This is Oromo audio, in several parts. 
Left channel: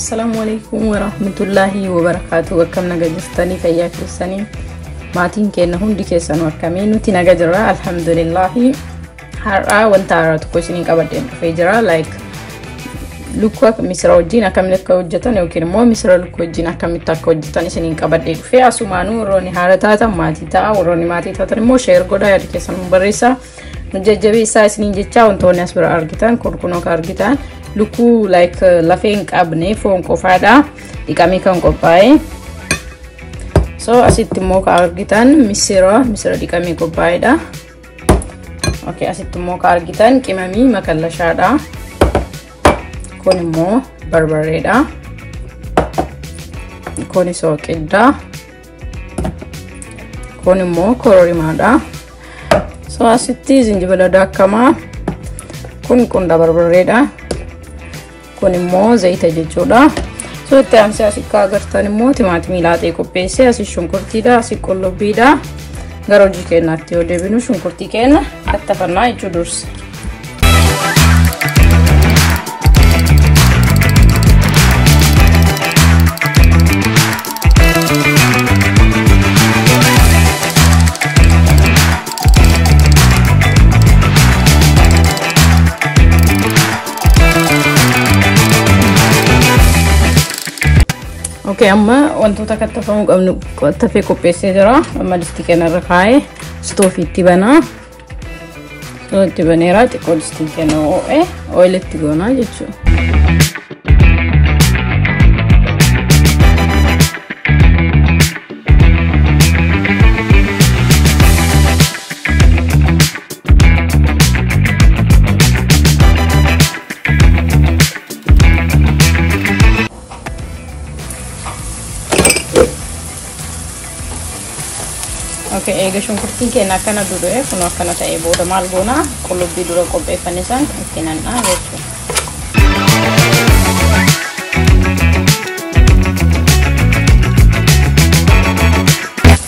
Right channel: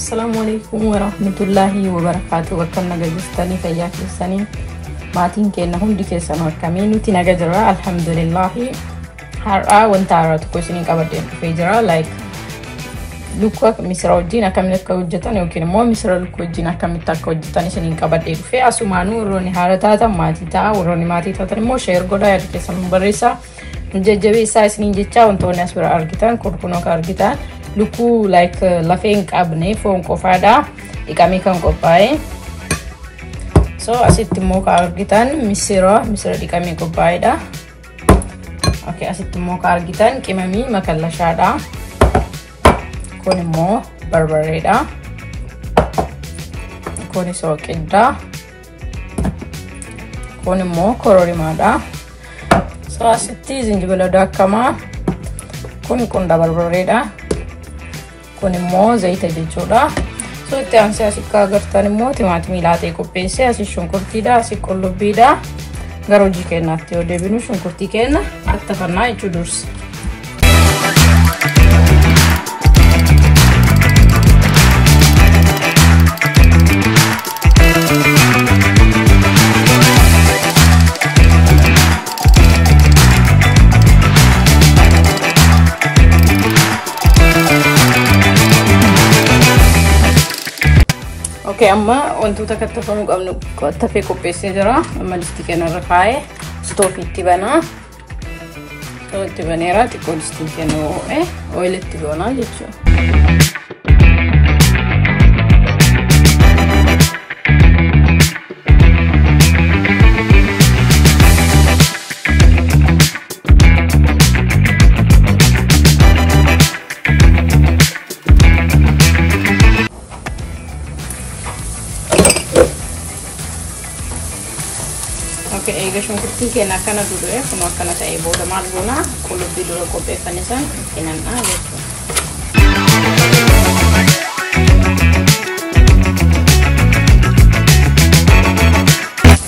Assalamualaikum warahmatullahi wabarakatuh. Welcome naga jirtanii fayyaa keessanii maatiin keenya hundi keessan akkamiin nuti naga jirra alhamdulillah. Har'a wanta haaraa tokko isin qabadheen dhufee jira like lukuu misira wajjin akkamitti akka hojjetan yookiin immoo misira lukuu wajjin akkamitti akka hojjetan isin qabadhee dhufee asumaanuu warroonni haara taatan maatii ta'a warroonni maatii taatan immoo share godhaa yaada keessan barreessaa jajjabeessaa isiniin jecha wantoonni as bira argitan kurkunoo ka argitan lukuu like lafeen qabne foon qofaadha dhiqamee kan qophaa'e so asitti immoo ka argitan misira dhiqamee qophaa'edha. Okay, asitti immoo ka argitan qimamii makallashaadha. Kun immoo barbareedha. Kun soqeedha. Kun immoo kororimaadha. So asitti zinjibila daakamaa. Kun qunda barbareedha. Kun immoo zayita jechuudha. So itti aansee asitti agartan immoo timaatimii laatee qopheessee asii shunkurtiidha, asii qullubbiidha. Gara hojii keenyaatti yoo deebinu shunkurtii keenya attafannaa jechuu dursa. Amma wantoota kattafamuu qabnu kattafee qopheessee jira. Amma distii keenya irra kaa'ee stoofiitti banaa. Itti baneera xiqqoo distii keenya ho'ee oilitti goonaa jechuudha. Okay, ega shunkurtii keenya akkana dudure kun akkana ta'ee booda maal goona qullubbii dura qopheeffame san kennanna jechuudha.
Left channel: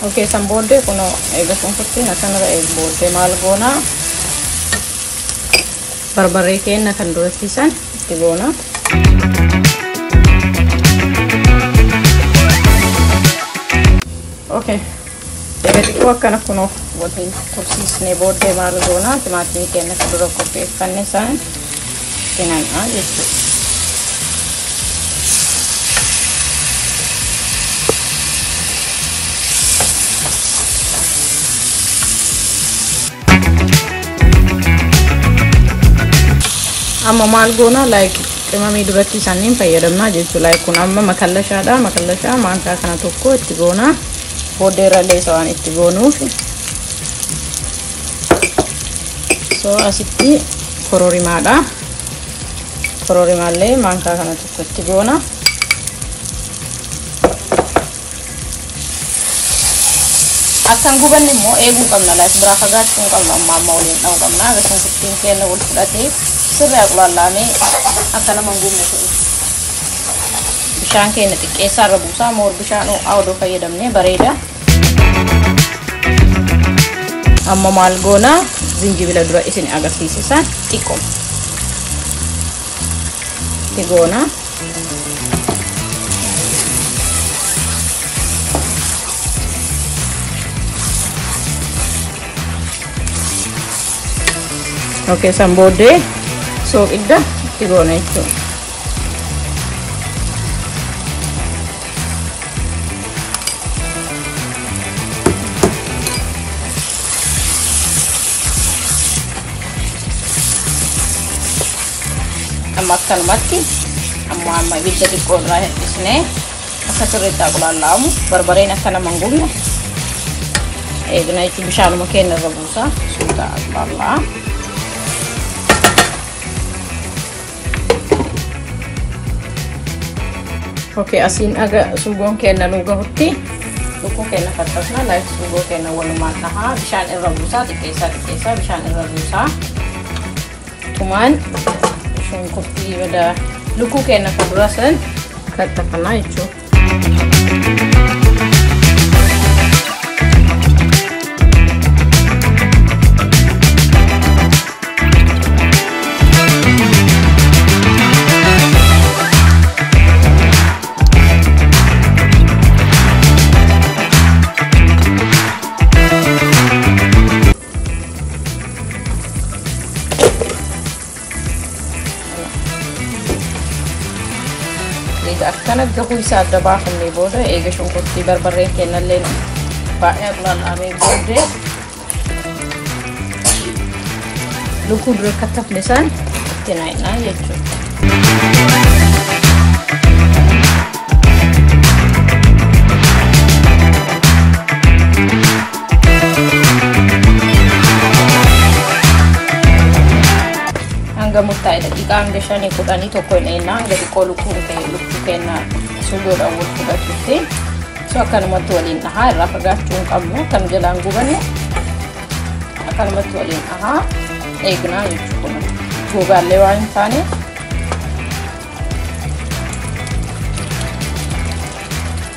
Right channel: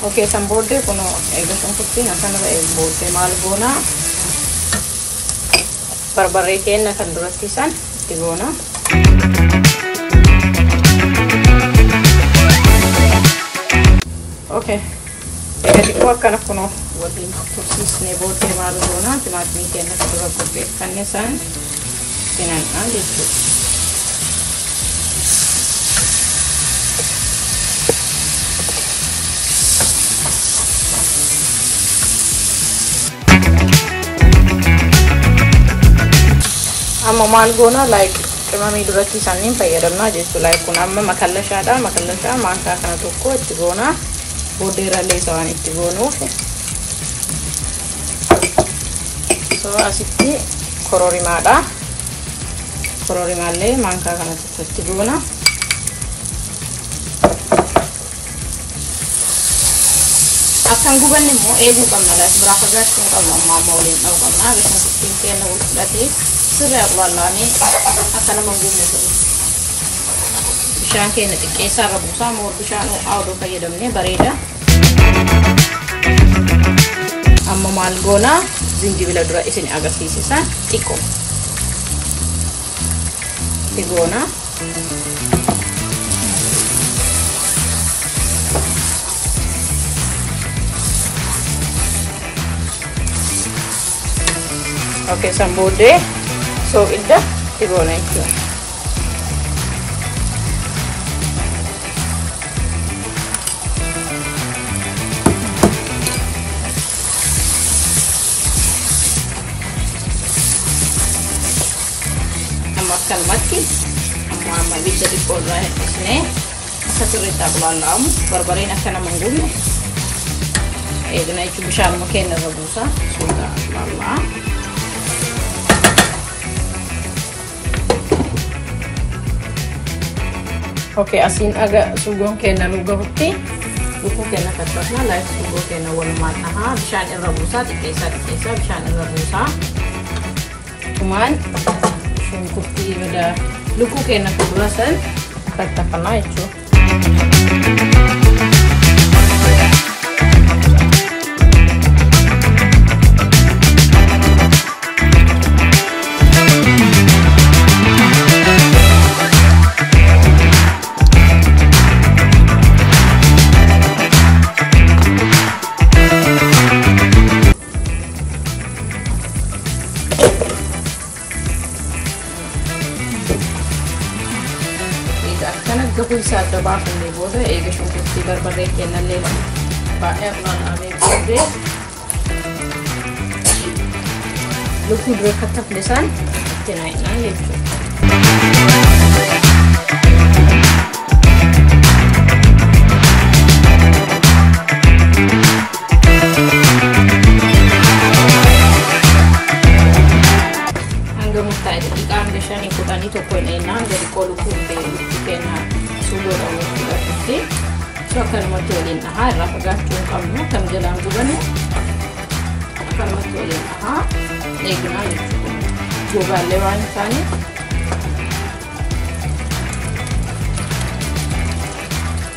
Okay, san booddee kun ega shunkurtiin akkana ta'ee booddee maal goona barbaree keenya kan durasiisan itti goona. Okay. Kana kuno waliin tursiisnee booddee maal goona timaatimii keenya kan dura qopheeffanne san kennanna jechuudha. Amma maal goona like qimamii dubartii isaaniin fayyadamnaa jechuudha. Like kun amma makallashaadha. Makallashaa maankaa kana tokko itti goona. Booddeerra leesawaan itti goonuuf so asitti kororimaadha. Kororimaallee maankaa kana itti goona. Akkan gubanni immoo eeguu qabna laas biraa fagaachuu qabna amma waliin dha'uu qabna. Agarsiin sittiin keenya wal fudhatee sirrii aqulaallaamee akka nama gubne ta'e. Bishaan keenya xiqqeessaa irra buusaa moor bishaan ho'aa fayyadamnee bareeda. Amma maal goona zinjibila dura isin agarsiisisan xiqqoo itti goona. Okay, san booddee soqidda itti goona jechuudha. Akkanumatti amma ibidda xiqqoo irraa hir'isnee akka sirriitti aqulaallaamu barbareen akka nama hin gubne eegna jechuun bishaanuma keenya irra buusaa suuta aqulaallaa. Okay, asiin aga suugoon keenya nu gahutti lukuu keenya kattafna like suugoo keenya walumaa tahaa bishaan irra buusaa xiqqeessaa bishaan irra buusaa kumaan shunkurtii bada lukuu keenya fuuldura san kattafnaa jechuudha. eega akkana gahuu isaa dabaafannee booda eega shunkurtii barbarree kennallee baay'ee lallaafee booddee lukkuu dura kattafne isaan itti naannaa jechuudha. Gamutta ikaan gashani kudhanii tokko eenaa gadi qolu lukkuu kenna sugoodha wajjin gatutti akkanumatti waliin dhahaa irraa fagaachuu hin qabnu kan jalaan gubanne akkanumatti waliin dhahaa eegnaa jechuudha. Gogaallee waan hin taane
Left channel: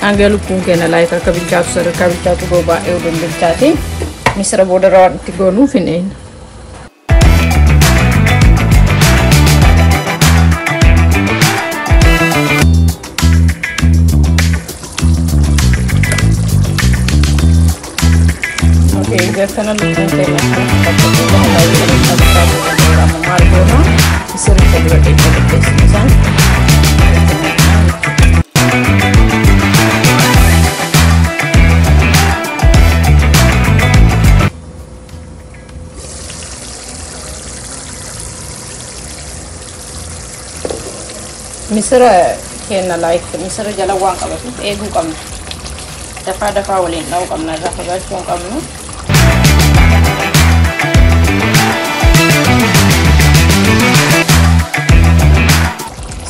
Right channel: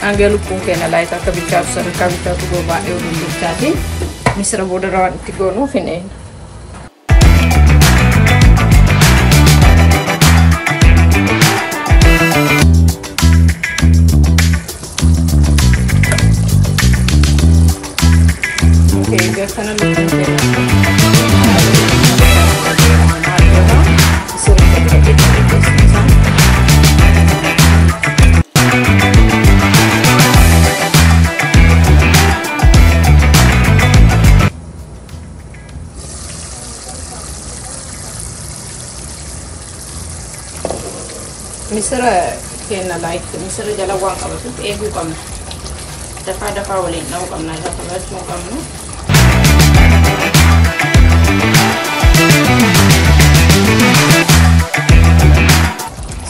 hanga lukkuun keenya laayika akka bichaatu sadarkaa bichaatu bobaa'ee waliin bilchaatiin misira booda rawaan itti gooluuf hin eenyu. Karena lumayan banyak. Misra kena like misra jala wang kalau tu egu kamu. Dapat boleh tahu kamu nak dapat cuma kamu.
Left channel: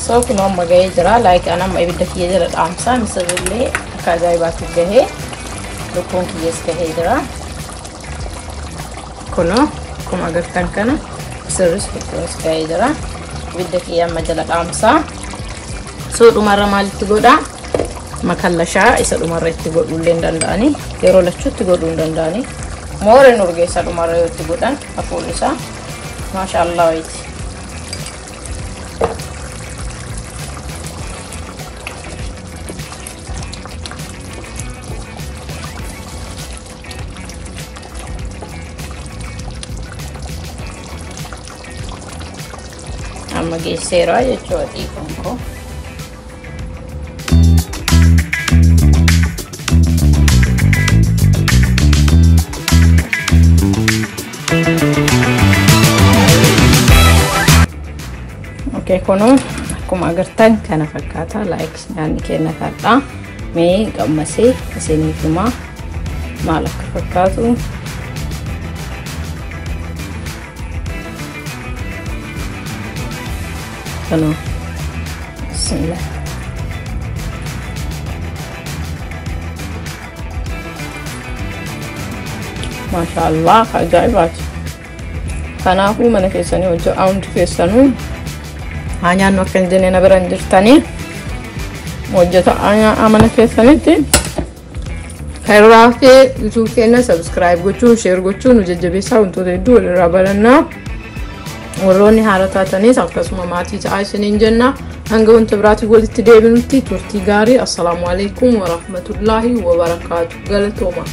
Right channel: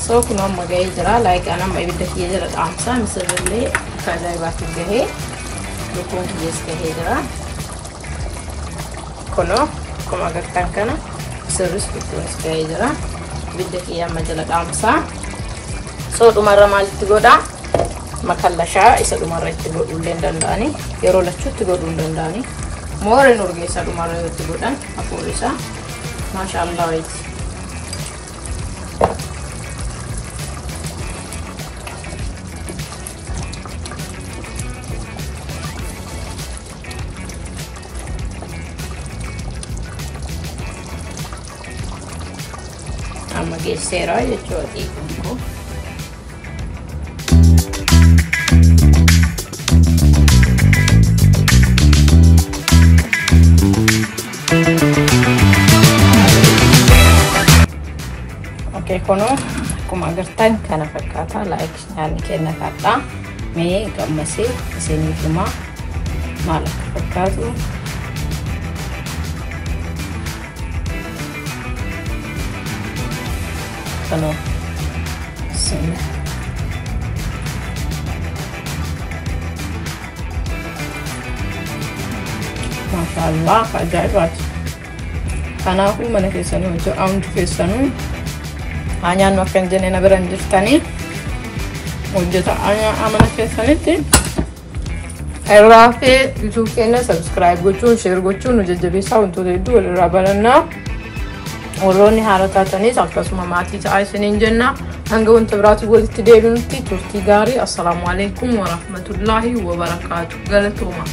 So kunoo maga'ee jira like anam ibidda kiyya jira dhaamsa misirrillee akka ajaa'ibaatti gahee lukkuun kiyyees gahee jira kunoo akkuma agartan kana misirris lukkuunis gahee jira ibidda kiyya amma jala dhaamsa so dhumarra maalitti godha makallashaa isa dhumarra itti godhuullee hin danda'ani yeroo lachuutti godhuu hin danda'ani mooreen urgeessa dhumarra yoo itti godhan hafuurri isaa maashaallah wayiiti. Amma geesseera jechuudha xiqqoon koo. Kunoo akkuma agartan kana fakkaata like nyaanni keenya fakkaata mee qammasee isiniif himaa maal akka fakkaatu Hello. Mashallah, ajaibat. Karena aku mana kesana udah aun kesana. Hanya makan jenis naberan jirtani. Wajah tak hanya aman kesana tu. Kalau ke YouTube channel subscribe, gocu share, gocu nuja bisa untuk itu rabarana. Waroni harakatani sabkas mati jaasin jenna hanga unta bratu walitti deebinti turti gaari assalamu alaykum wa rahmatullahi wa barakatuh galatoma.